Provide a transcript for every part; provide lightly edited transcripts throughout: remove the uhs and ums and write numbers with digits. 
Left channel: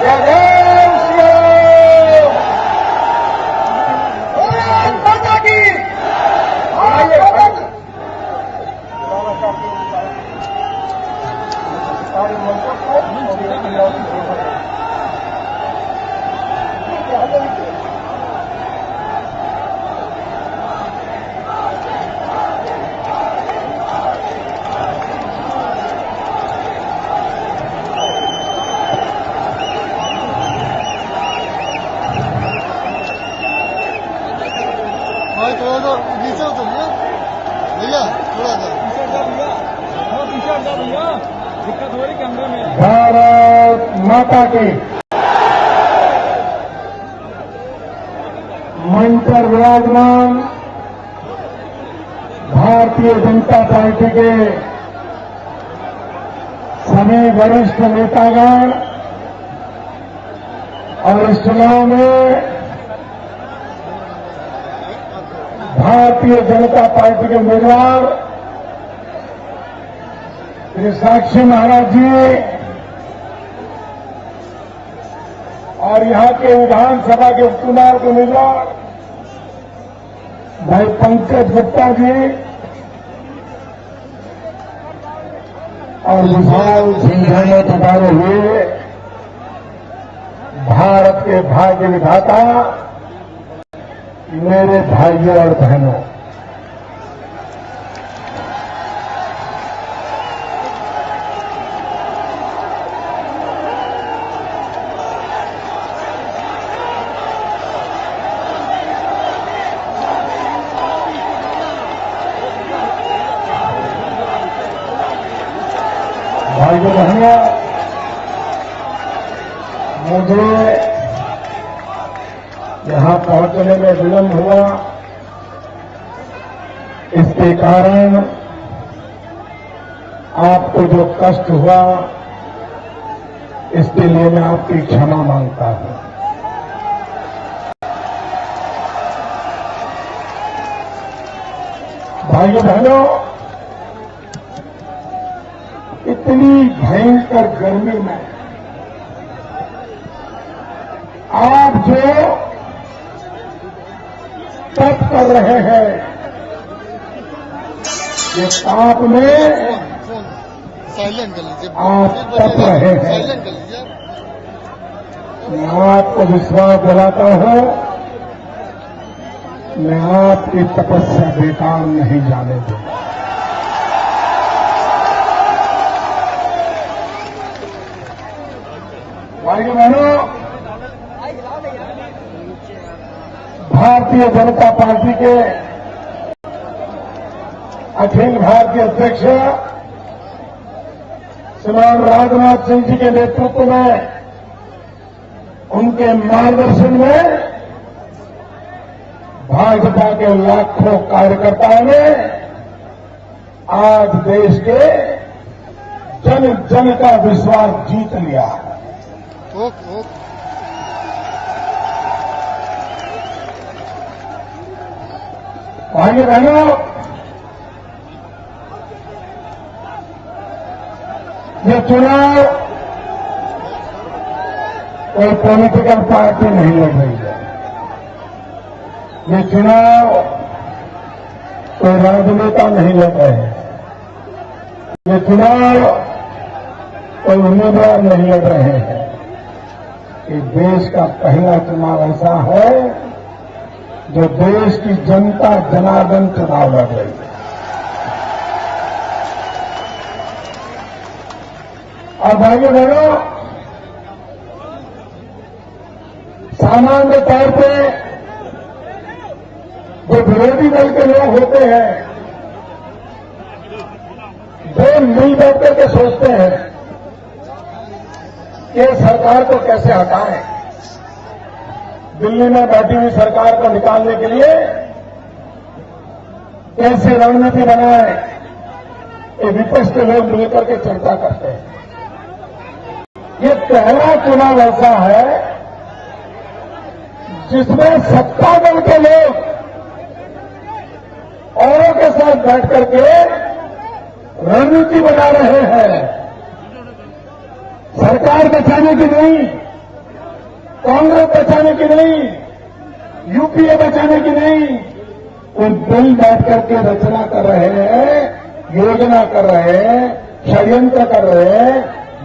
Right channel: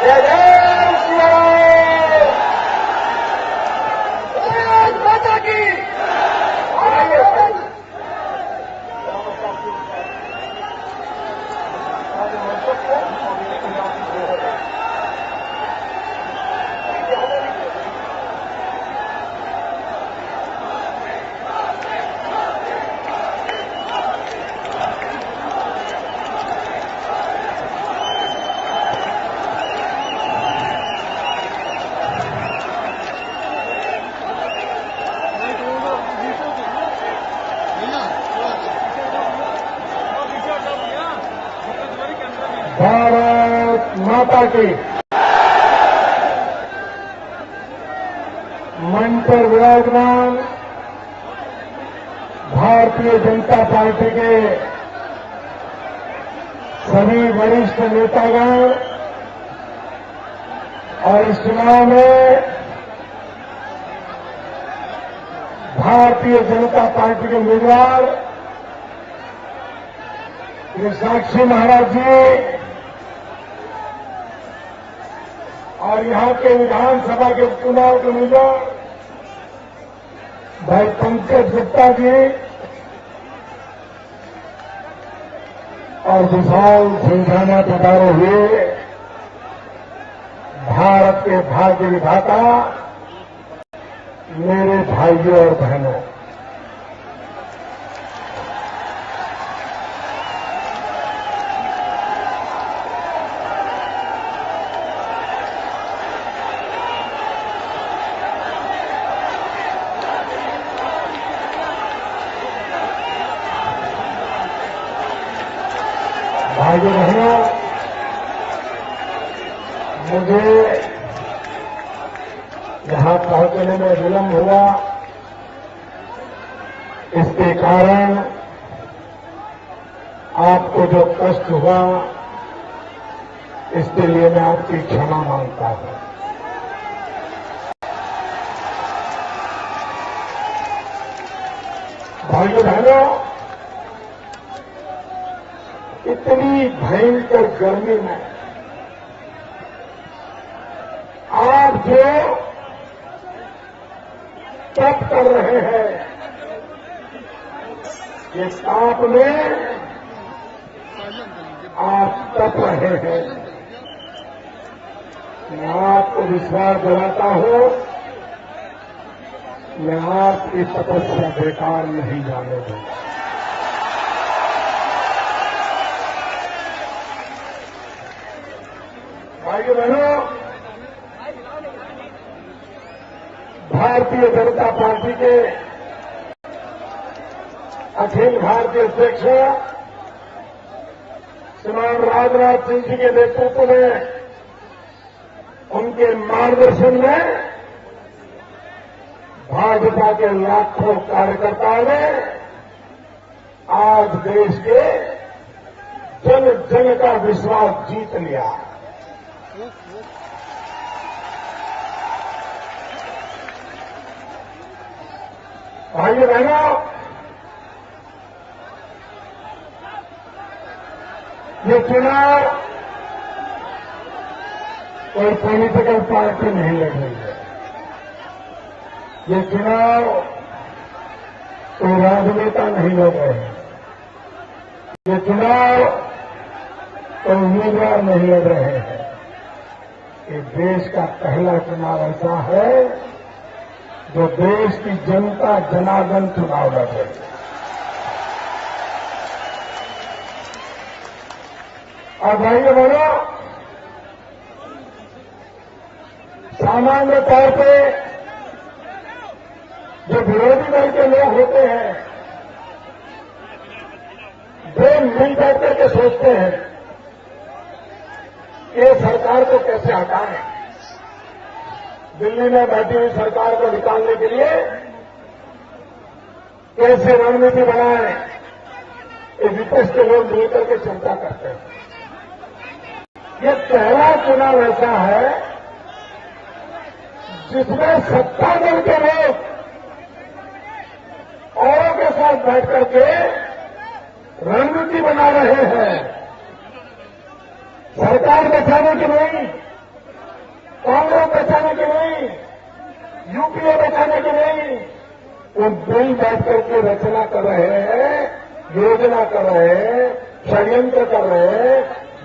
जय जय श्री राम। भारत माता की। नीचे उतरिए भैया, थोड़ा सा पीछे हटा भैया, दिक्कत हो रही कैमरे में। भारत माता की। मंच पर विराजमान भारतीय जनता पार्टी के सभी वरिष्ठ नेतागण और इस चुनाव में भारतीय जनता पार्टी के उम्मीदवार श्री साक्षी महाराज जी और यहां के विधानसभा के उपचुनाव के उम्मीदवार भाई पंकज गुप्ता जी और विशाल संख्या में जुटाए हुए भारत के भाग्य विधाता मेरे भाइयों और बहनों, भाइयों बहनों, मुझे यहां पहुंचने में विलंब हुआ। इसके कारण आपको जो कष्ट हुआ, इसके लिए मैं आपकी क्षमा मांगता हूं। भाइयों बहनों, इतनी भयंकर गर्मी में आप जो तप कर रहे हैं, ये ताप में साइलेंट कर लीजिए, आप तप रहे हैं। साइलेंट कर लीजिए। मैं आपको विश्वास दिलाता हूं, मैं आपकी तपस्या बेकार नहीं जाने दूंगा। भाइयों बहनों, भारतीय जनता पार्टी के अखिल भारतीय अध्यक्ष श्रीमान राजनाथ सिंह जी के नेतृत्व में, उनके मार्गदर्शन में भाजपा के लाखों कार्यकर्ताओं ने आज देश के जन जन का विश्वास जीत लिया। भाइयों बहनों, ये चुनाव कोई पॉलिटिकल पार्टी नहीं लड़ रही है। ये चुनाव कोई राजनेता नहीं लड़ रहे हैं। ये चुनाव कोई उम्मीदवार नहीं लड़ रहे हैं। ये देश का पहला चुनाव ऐसा है जो देश की जनता जनार्दन चुनाव लड़ रही है। और भाइयों बहनों, सामान्य तौर पे जो विरोधी दल के लोग होते हैं, वे मिल बैठ करके सोचते हैं कि सरकार को कैसे हटाएं, दिल्ली में बैठी हुई सरकार को निकालने के लिए कैसे रणनीति बनाएं, ये विपक्ष के लोग मिलकर के चर्चा करते हैं। ये पहला चुनाव ऐसा है जिसमें सत्ता दल के लोग औरों के साथ बैठ करके रणनीति बना रहे हैं, सरकार बचाने की नहीं, कांग्रेस बचाने की नहीं, यूपीए बचाने की नहीं, वो दिल बैठ करके रचना कर रहे हैं, योजना कर रहे हैं, षड्यंत्र कर रहे हैं,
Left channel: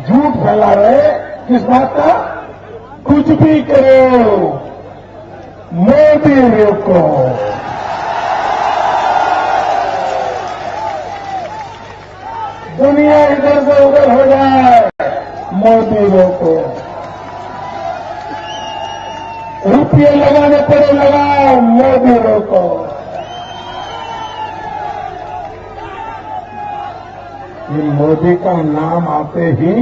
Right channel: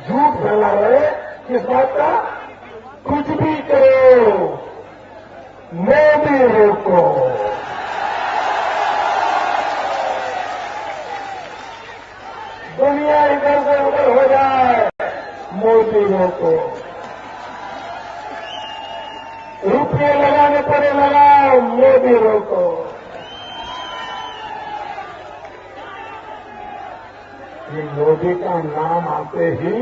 झूठ फैला रहे हैं। किस बात का? कुछ भी करो, मोदी रोको। दुनिया इधर से उधर हो जाए, मोदी रोको। रुपये लगाने पड़े लगाओ, मोदी रोको। ये मोदी का नाम आते ही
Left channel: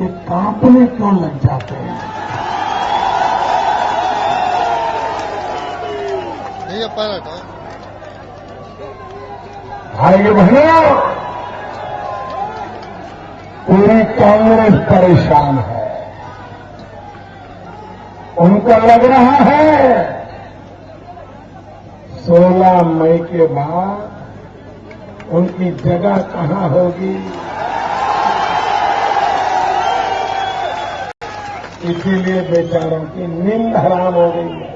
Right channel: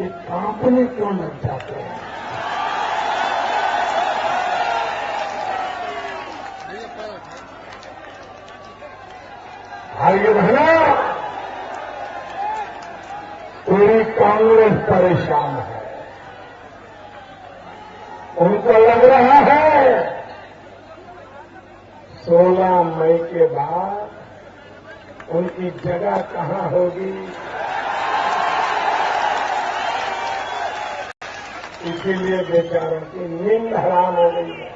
ये कांपने क्यों लग जाते हैं? भैया पायलट है। भाई बहनों, पूरी कांग्रेस परेशान है। उनको लग रहा है 16 मई के बाद उनकी जगह कहां होगी, इसीलिए बेचारों की नींद हराम हो गई है।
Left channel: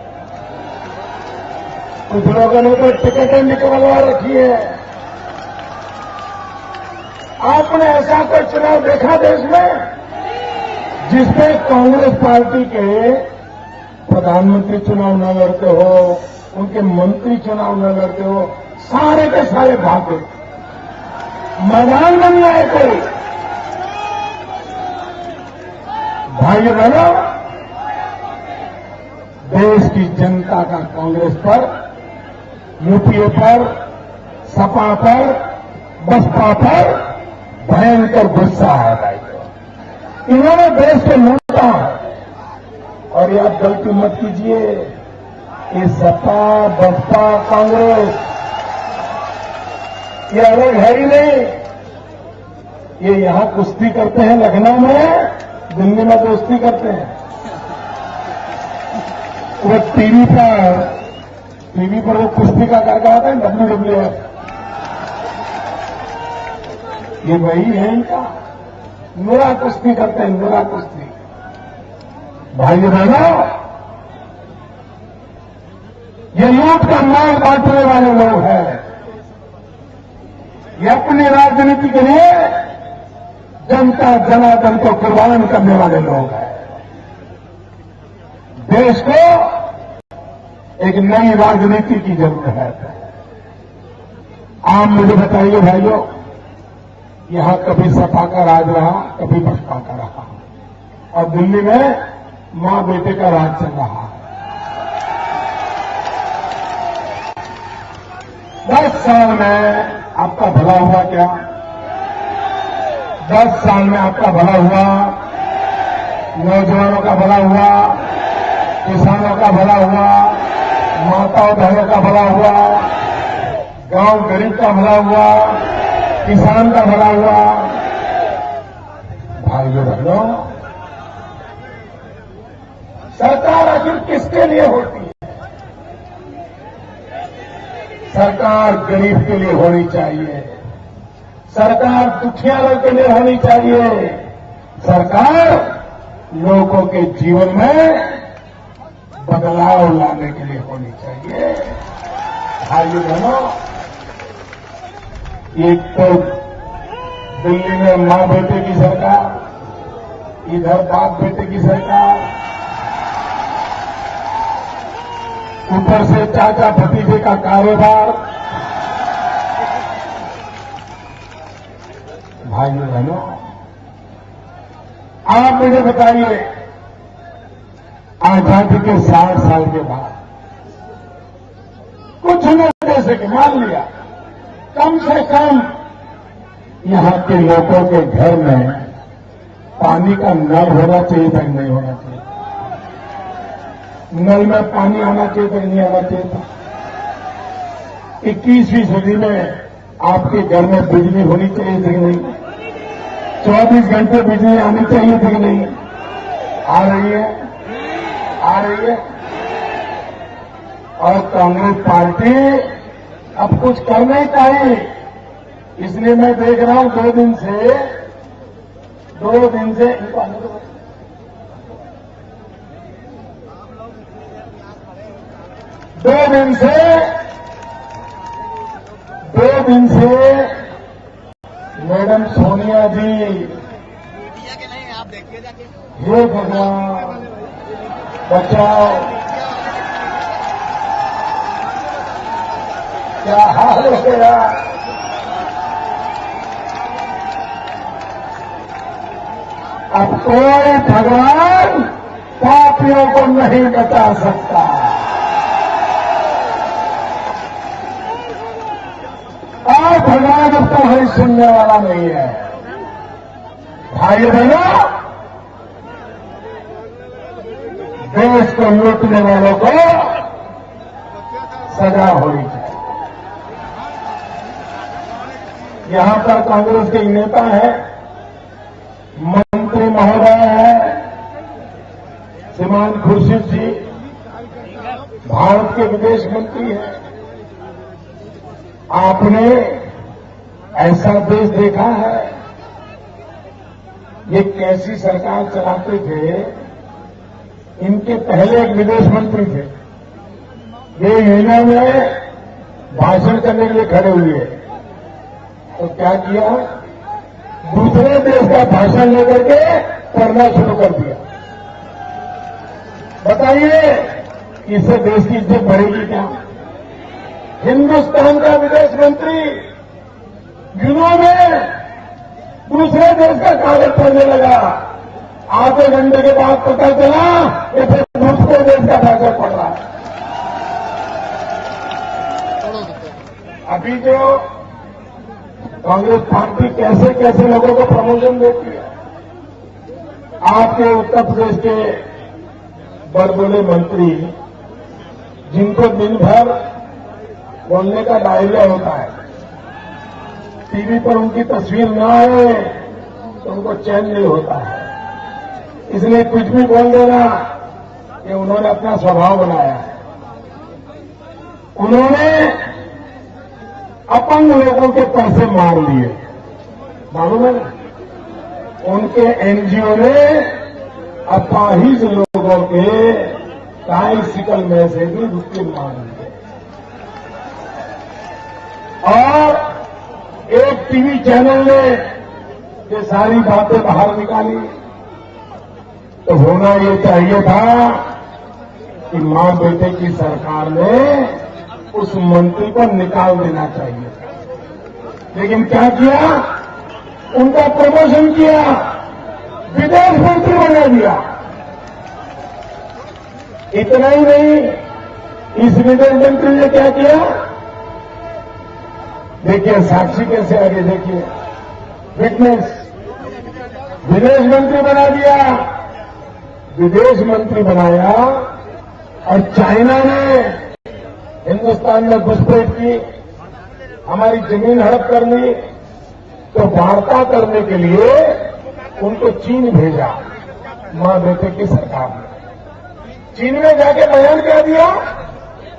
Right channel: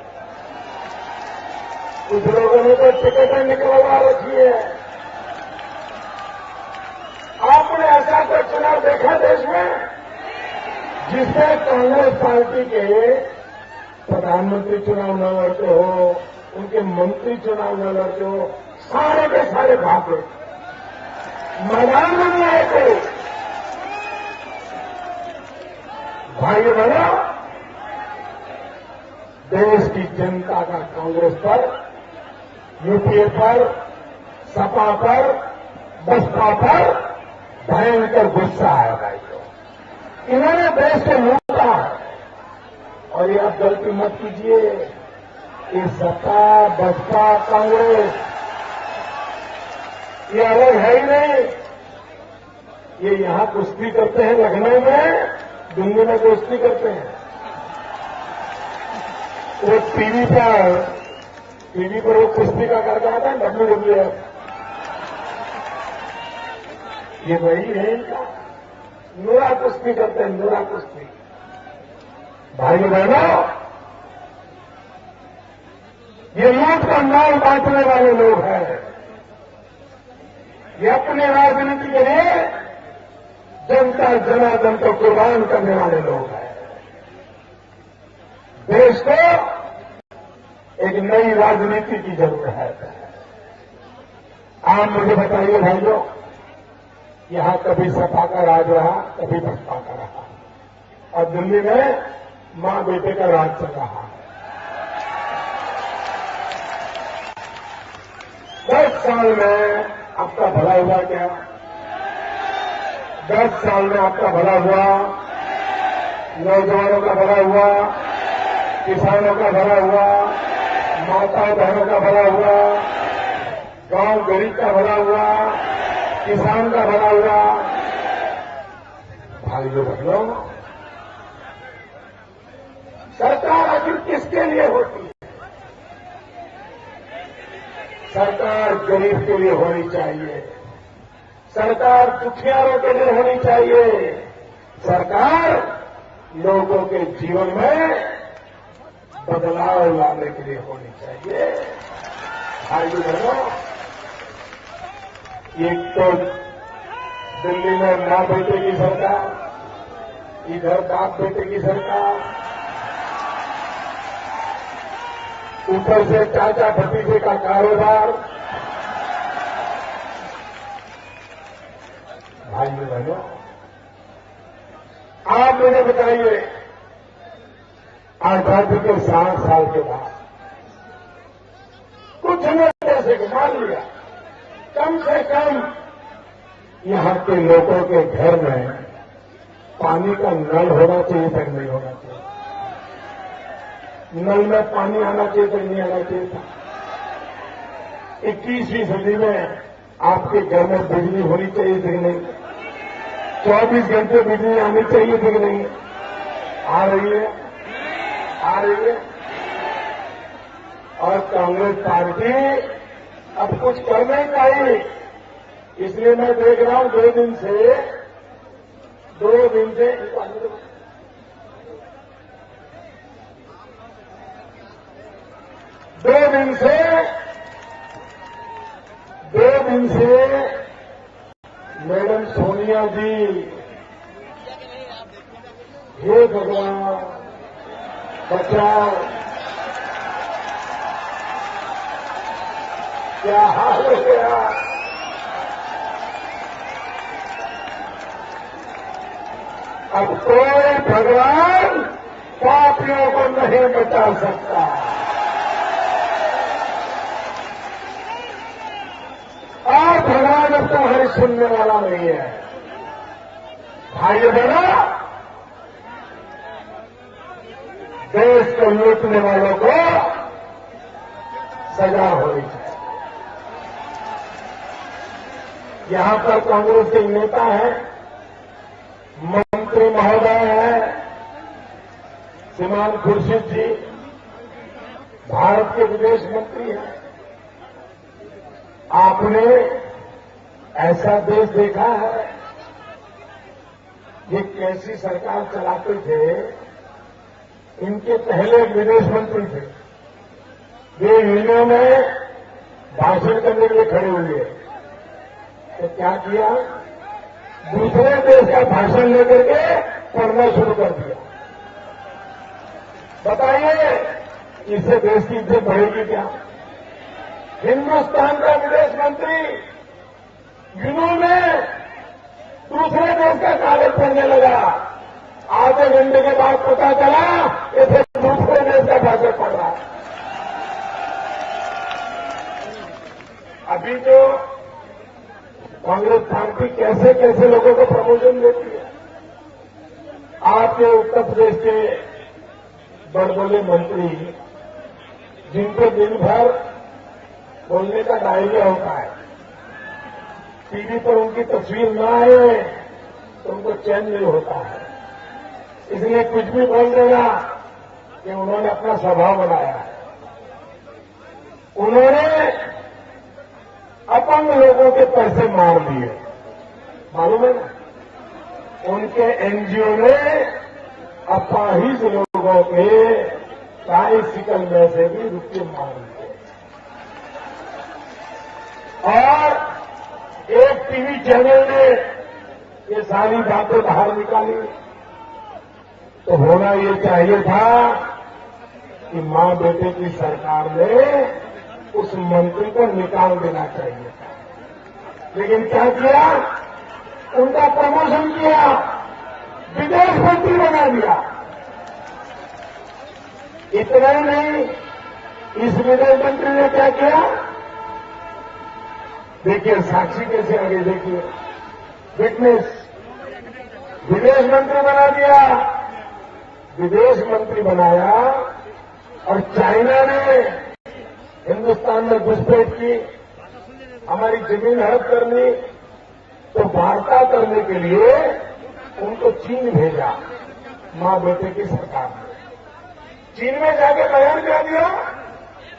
कुछ लोगों ने तो टिकटें निकलवा रखी है। आपने ऐसा कोई चुनाव देखा देश में जिसमें कांग्रेस पार्टी के प्रधानमंत्री चुनाव न लड़ते हो, उनके मंत्री चुनाव न लड़ते हो, सारे के सारे भागे, मैदान में नहीं आए कोई। भाइयों बहनों, देश की जनता का कांग्रेस पर, यूपीए पर, सपा पर, बसपा पर भयंकर गुस्सा है। भाइयों, इन्होंने देश को लूटा है। और ये आप गलती मत कीजिए, ये सपा, बसपा, कांग्रेस ये अलग है ही नहीं। ये यहां कुश्ती करते हैं लखनऊ में, दिल्ली में दोस्ती करते हैं। वो टीवी पर वो कुश्ती का कार्यक्रम आता है, WWF, ये वही है इनका। मेरा कुश्ती करते हैं, मेरा कुश्ती। भाई बहनों, ये लूट का माल बांटने वाले लोग हैं। ये अपनी राजनीति के लिए जनता जनार्दन को कुर्बान करने वाले लोग हैं। देश को एक नई राजनीति की जरूरत है। आप मुझे बताइए भाइयों, यहां कभी सपा का राज रहा, कभी बसपा का रहा, और दिल्ली में मां बेटे का राज चल रहा है। 10 साल में आपका भला हुआ क्या? 10 साल में आपका भला हुआ, नौजवानों का भला हुआ, किसानों का भला हुआ, माताओं बहनों का भला हुआ, गांव गरीब का भला हुआ, किसान का भला हुआ। भाइयों बहनों, सरकार आखिर किसके लिए होती है? सरकार गरीब के लिए होनी चाहिए, सरकार दुखियारों के लिए होनी चाहिए, सरकार लोगों के जीवन में बदलाव लाने के लिए होनी चाहिए। भाइयों बहनों, एक तो दिल्ली में मां बेटे की सरकार, इधर बाप बेटे की सरकार, ऊपर से चाचा भतीजे का कारोबार। भाइयों बहनों, आप मुझे बताइए, आजादी के 60 साल के बाद कुछ नहीं जैसे कि मान लिया कम से कम यहां के लोगों के घर में पानी का नल होना चाहिए था, नहीं होना चाहिए? नल में पानी आना चाहिए था, नहीं आना चाहिए था? 21वीं सदी में आपके घर में बिजली होनी चाहिए थी कि नहीं? 24 घंटे बिजली आनी चाहिए थी कि नहीं? आ रही है, आ रही है। और कांग्रेस पार्टी अब कुछ कर नहीं पाई, इसलिए मैं देख रहा हूं 2 दिन से इनको आने दो, दो दिन से मैडम सोनिया जी, हे भगवान बचाओ, क्या हाल हो गया। अब कोई भगवान पापियों को नहीं बचा सकता। और भगवान अब तुम्हारी सुनने वाला नहीं है। भाई बहनों, देश को लूटने वालों को सजा होनी चाहिए। यहां पर कांग्रेस के नेता हैं, मंत्री महोदय हैं, श्रीमान खुर्शीद जी भारत के विदेश मंत्री हैं। आपने ऐसा देश देखा है? ये कैसी सरकार चलाते थे? इनके पहले एक विदेश मंत्री थे, वे यूनियन में भाषण करने के लिए खड़े हुए, तो क्या किया? दूसरे देश का भाषण लेकर के पढ़ना शुरू कर दिया। बताइए, इससे देश की इज्जत बढ़ेगी क्या? हिंदुस्तान का विदेश मंत्री यूनियन में दूसरे देश का कागज पढ़ने लगा। आधे घंटे के बाद पता चला कि फिर दूसरे देश का भाषण पढ़ रहा है। अभी जो कांग्रेस पार्टी कैसे कैसे लोगों को प्रमोशन देती है। आपके उत्तर प्रदेश के बड़बोले मंत्री, जिनको दिन भर बोलने का डायरिया होता है, टीवी पर उनकी तस्वीर न आए तो उनको चैन नहीं होता है, इसलिए कुछ भी बोल देना कि उन्होंने अपना स्वभाव बनाया है। उन्होंने अपंग लोगों के पैसे मार लिए, मालूम है ना? उनके एनजीओ ने अपाहिज लोगों के ट्राइसिकल में से भी रुपये मार लिए। और एक टीवी चैनल ने ये सारी बातें बाहर निकाली, तो होना ये चाहिए था कि मां बेटे की सरकार ने उस मंत्री को निकाल देना चाहिए था। लेकिन क्या किया? उनका प्रमोशन किया, विदेश मंत्री बना दिया। इतना ही नहीं, इस विदेश मंत्री ने क्या किया? देखिए साक्षी कैसे आगे, देखिए विटनेस, विदेश मंत्री बना दिया, विदेश मंत्री बनाया। और चाइना ने हिंदुस्तान में घुसपैठ की, हमारी जमीन हड़प कर ली, तो वार्ता करने के लिए उनको चीन भेजा मां बेटे की सरकार ने। चीन में जाके बयान क्या दिया?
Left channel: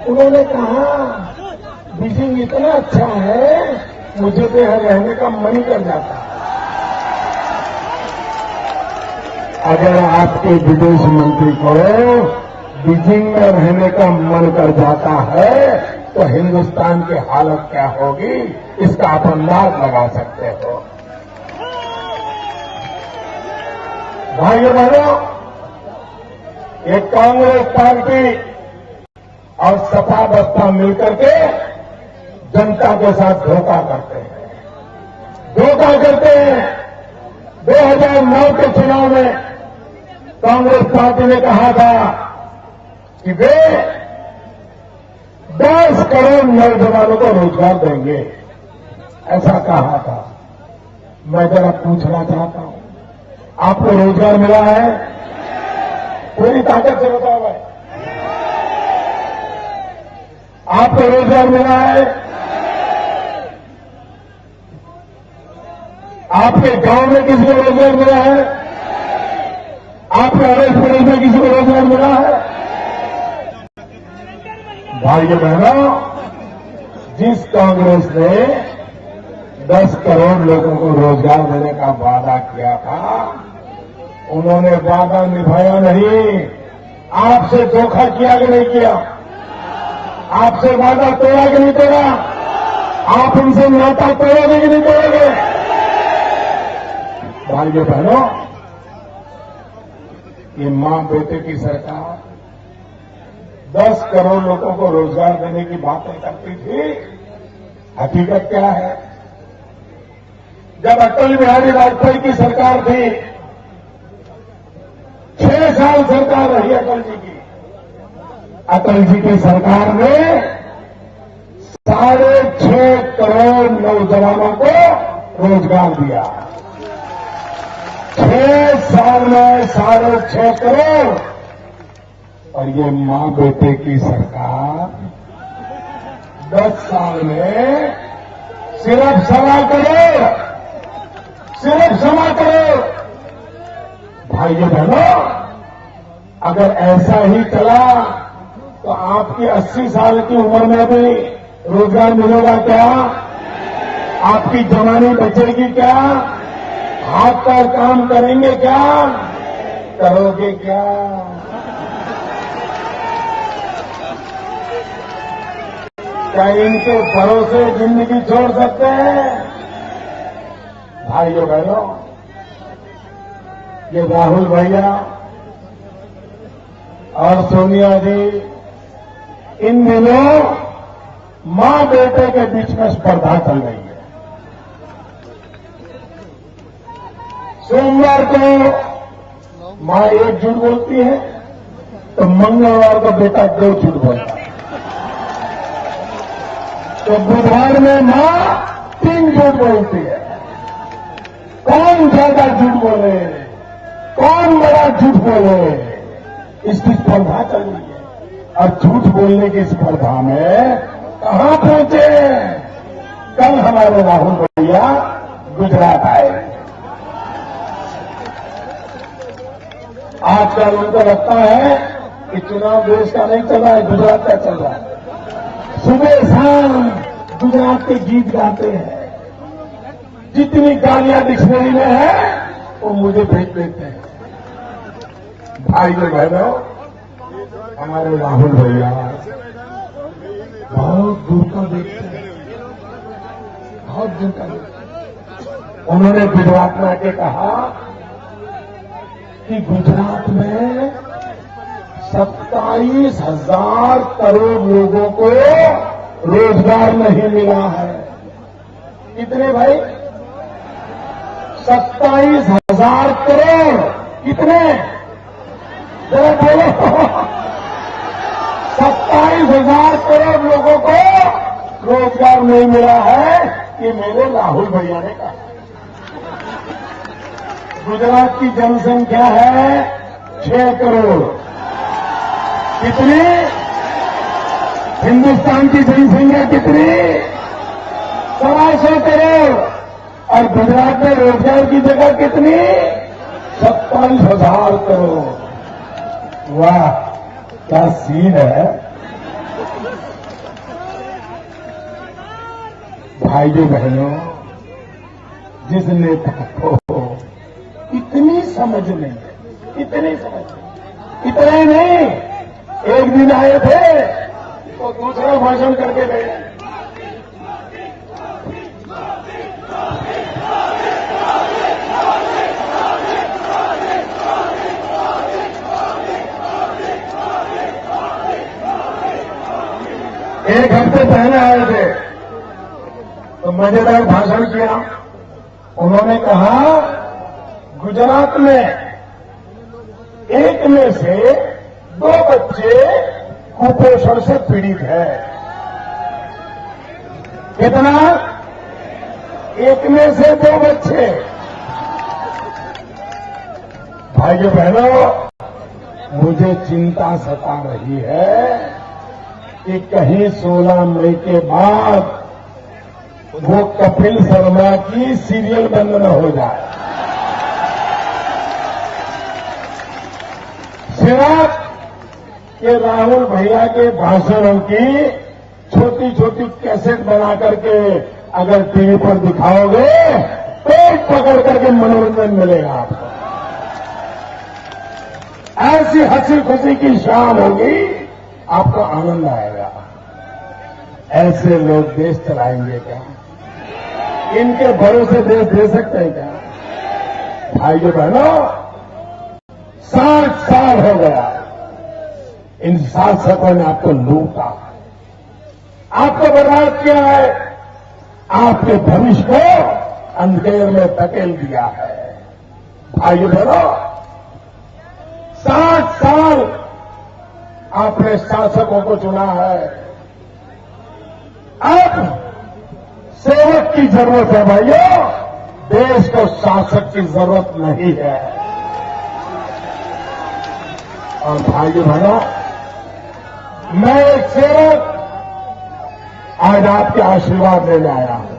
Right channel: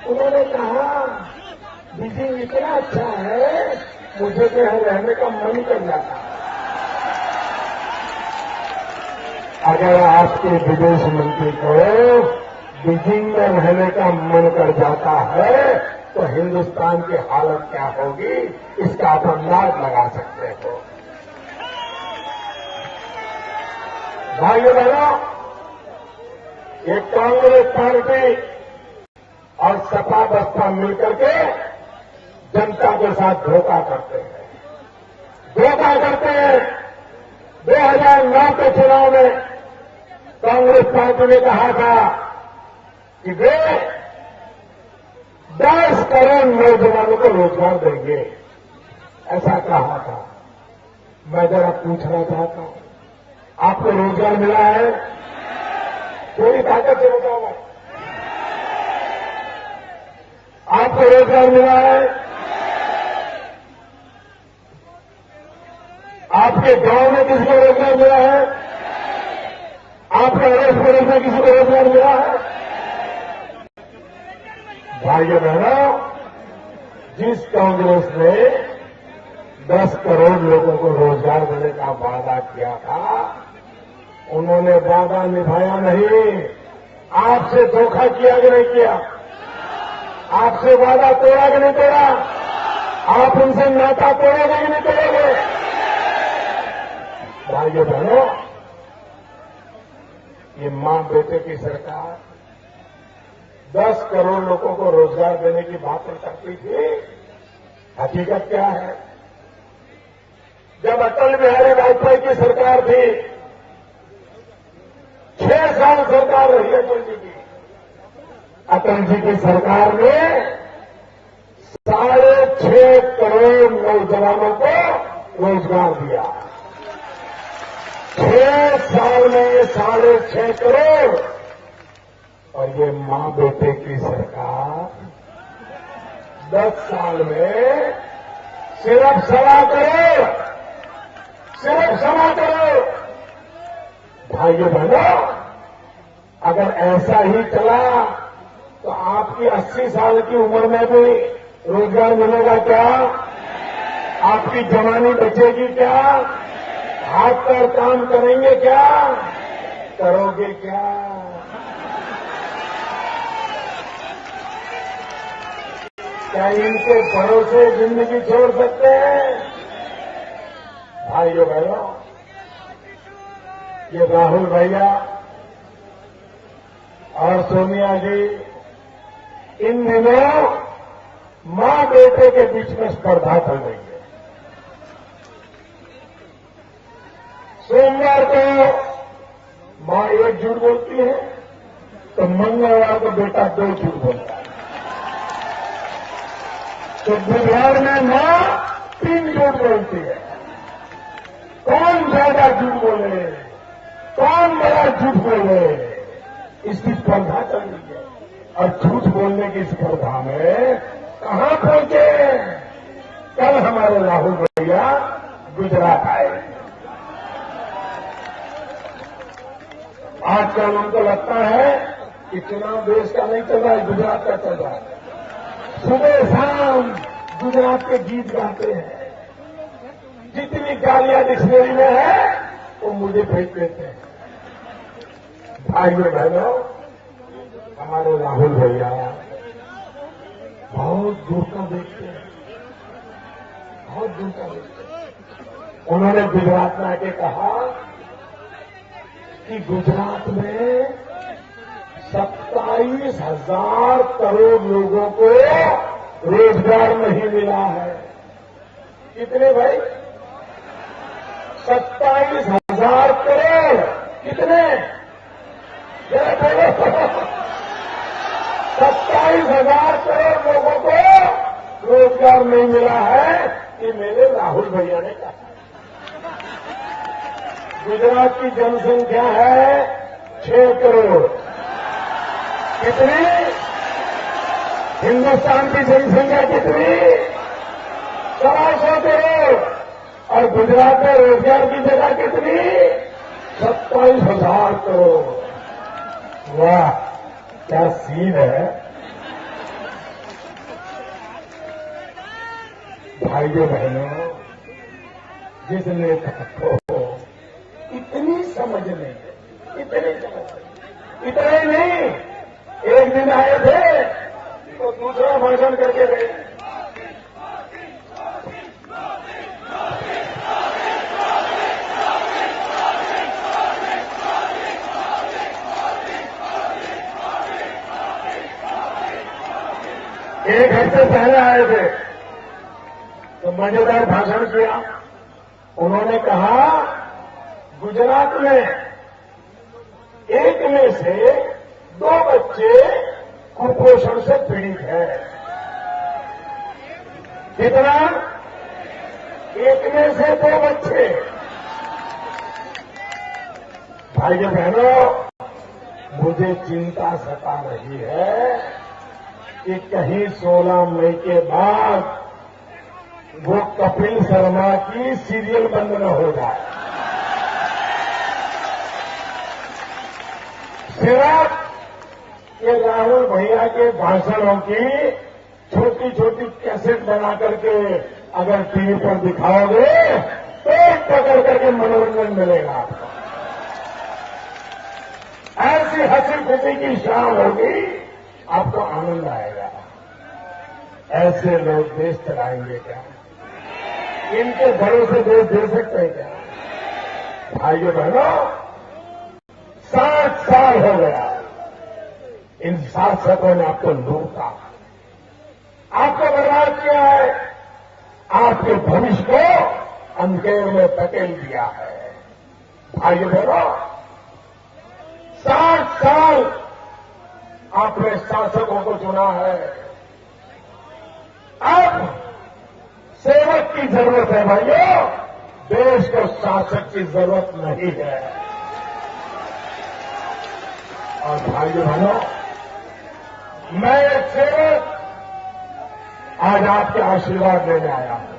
उन्होंने कहा बीजिंग इतना अच्छा है, मुझे तो यहां रहने का मन ही कर जाता। अगर आपके विदेश मंत्री को बीजिंग में रहने का मन कर जाता है तो हिंदुस्तान की हालत क्या होगी, इसका आप अंदाज लगा सकते हो। भाइयों बहनों, ये कांग्रेस पार्टी और सपा बसपा मिलकर के जनता के साथ धोखा करते हैं, धोखा करते हैं। 2009 के चुनाव में कांग्रेस पार्टी ने कहा था कि वे 10 करोड़ नौजवानों को रोजगार देंगे, ऐसा कहा था। मैं जरा पूछना चाहता हूं, आपको रोजगार मिला है? पूरी ताकत से बताओ भाई, आपको रोजगार मिला है? आपके गांव में किसी को रोजगार मिला है? आपके अड़ोस पड़ोस में किसी को रोजगार मिला है? भाइयों बहनों, जिस कांग्रेस ने 10 करोड़ लोगों को रोजगार देने का वादा किया था, उन्होंने वादा निभाया नहीं। आपसे धोखा किया कि नहीं किया? आपसे वादा तोड़ा कि नहीं तोड़ा? आप उनसे नाता तोड़ोगे कि नहीं तोड़ोगे? भाइयों बहनों, ये मां बेटे की सरकार 10 करोड़ लोगों को रोजगार देने की बातें करती थी। हकीकत क्या है? जब अटल बिहारी वाजपेयी की सरकार थी, 6 साल सरकार रही अटल जी की। अटल जी की सरकार ने 6.5 करोड़ नौजवानों को रोजगार दिया। 6 साल में 6.5 करोड़। और ये मां बेटे की सरकार 10 साल में सिर्फ 1.25 करोड़, सिर्फ 1.25 करोड़। भाइयों बहनों, अगर ऐसा ही चला तो आपकी 80 साल की उम्र में भी रोजगार मिलेगा क्या? आपकी जवानी बचेगी क्या? हाथ पैर काम करेंगे क्या? करोगे क्या? क्या इनके भरोसे जिंदगी छोड़ सकते हैं? भाइयों बहनों, ये राहुल भैया और सोनिया जी इन दिनों मां बेटे के बीच में स्पर्धा चल रही है। सोमवार को मां एक झूठ बोलती है तो मंगलवार को बेटा 2 झूठ बोलता है। तो बुधवार में मां 3 झूठ बोलती है। कौन ज्यादा झूठ बोले, कौन बड़ा झूठ बोले, इसकी स्पर्धा चल रही है। और झूठ बोलने की स्पर्धा में कहां पहुंचे? कल हमारे राहुल भैया गुजरात आए। आजकल उनको लगता है कि चुनाव देश का नहीं चल रहा है, गुजरात का चल रहा है। सुबह शाम गुजरात के गीत गाते हैं। जितनी गालियां डिक्शनरी में है वो मुझे भेज देते हैं। भाइयों बहनों, हमारे राहुल भैया बहुत दूर का देखते हैं, बहुत दूर का देखते हैं। उन्होंने गुजरात में आके कहा कि गुजरात में 27,000 करोड़ लोगों को रोजगार नहीं मिला है। कितने भाई? 27,000 करोड़। कितने? जरा बोलो। 27,000 करोड़ लोगों को रोजगार नहीं मिला है, ये मेरे राहुल भैया ने कहा। गुजरात की जनसंख्या है 6 करोड़। कितनी? हिंदुस्तान की जनसंख्या कितनी? 125 करोड़। और गुजरात में रोजगार की जगह कितनी? 27,000 करोड़। वाह, क्या सीन है। भाइयों बहनों, जिस नेता को इतनी समझ नहीं है, इतनी समझ नहीं, इतने नहीं, एक दिन आए थे तो दूसरा भाषण करके गए। एक हफ्ते पहले आए थे तो मजेदार भाषण किया। उन्होंने कहा गुजरात में 1 में से 2 बच्चे कुपोषण से पीड़ित है। कितना? 1 में से 2 बच्चे। भाइयों बहनों, मुझे चिंता सता रही है कि कहीं 16 मई के बाद वो कपिल शर्मा की सीरियल बंद न हो जाए। सिर्फ ये राहुल भैया के भाषणों की छोटी छोटी कैसेट बना करके अगर टीवी पर दिखाओगे तो पकड़ करके मनोरंजन मिलेगा आपको। ऐसी हंसी खुशी की शाम होगी, आपको आनंद आएगा। ऐसे लोग देश चलाएंगे क्या? इनके भरोसे देश दे सकते हैं क्या? भाइयों बहनों, 60 साल हो गया इन शासकों ने आपको लूटा, आपको बर्बाद किया है, आपके भविष्य को अंधेर में धकेल दिया है। भाइयों बहनों, 60 साल आपने शासकों को चुना है, अब सेवक की जरूरत है। भाइयों, देश को शासक की जरूरत नहीं है। और भाइयों बहनों, मैं एक सेवक आज आपके आशीर्वाद लेने आया हूं।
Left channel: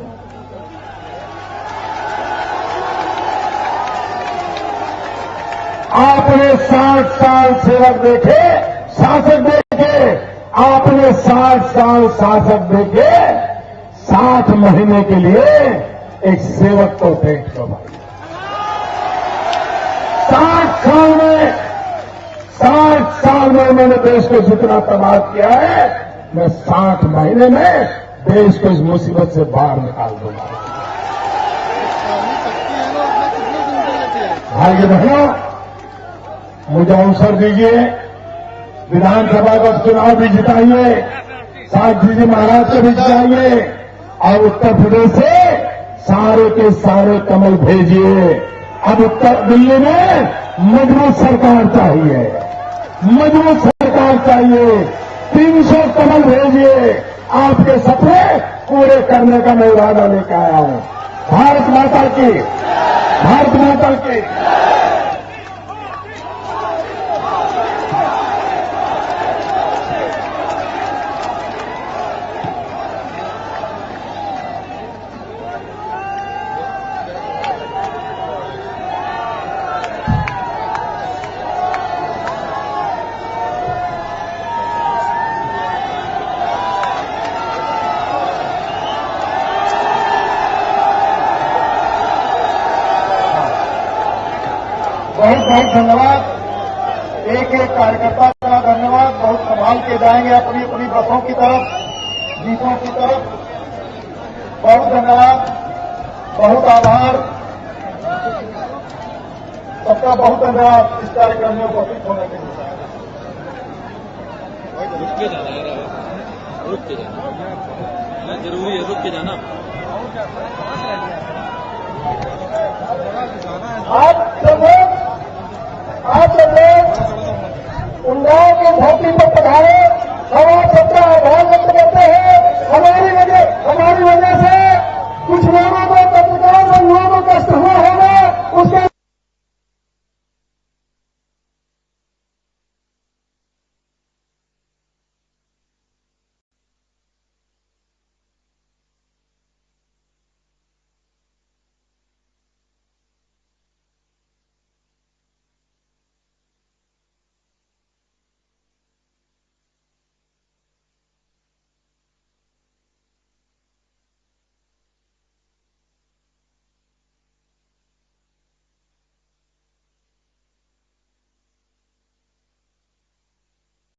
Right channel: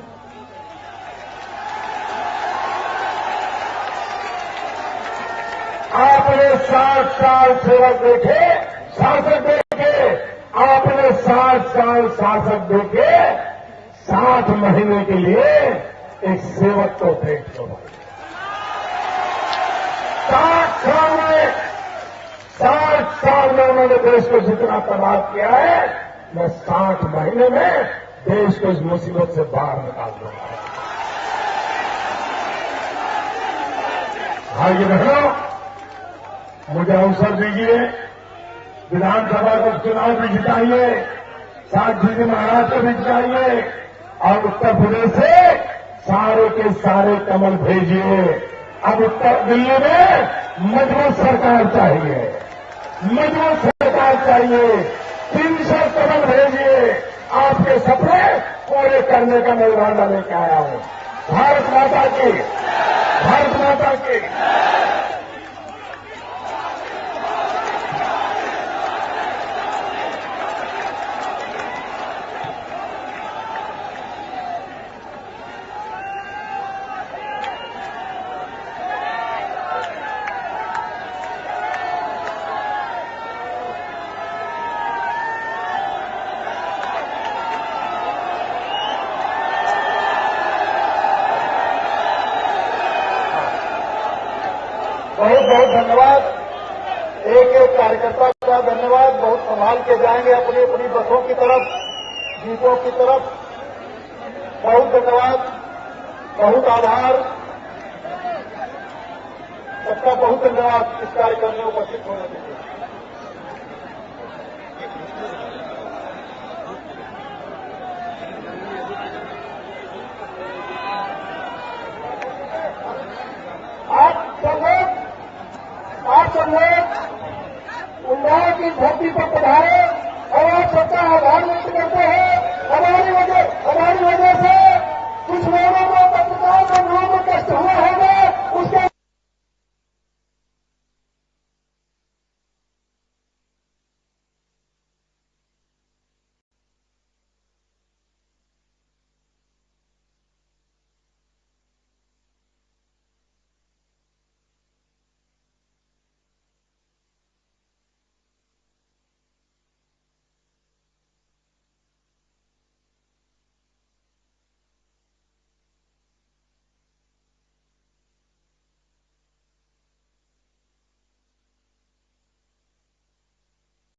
आपने 60 साल सेवक देखे, शासक देखे, आपने 60 साल शासक देखे, 60 महीने के लिए एक सेवक को देख दो भाई। 60 साल में उन्होंने देश को जितना तबाह किया है, मैं 60 महीने में देश को इस मुसीबत से बाहर निकाल दूंगा। भाई बहनों, मुझे अवसर दीजिए, विधानसभा का चुनाव भी जिताइए, साथ जी महाराज को भी जिताइए, और उत्तर प्रदेश से सारे के सारे कमल भेजिए। अब उत्तर दिल्ली में मजबूत सरकार चाहिए, मजबूत सरकार चाहिए। 300 कमल भेजिए, आपके सपने पूरे करने का मैं इरादा लेकर आया हूं। भारत माता की, भारत माता की। बहुत बहुत धन्यवाद। एक एक कार्यकर्ता का धन्यवाद। बहुत संभाल के जाएंगे अपनी अपनी बसों की तरफ, जीपों की तरफ। बहुत धन्यवाद, बहुत आभार, सबका बहुत धन्यवाद इस कार्यक्रम में उपस्थित होने के लिए। रुक के जाना यार, रुक के जाना जरूरी है, रुक के जाना।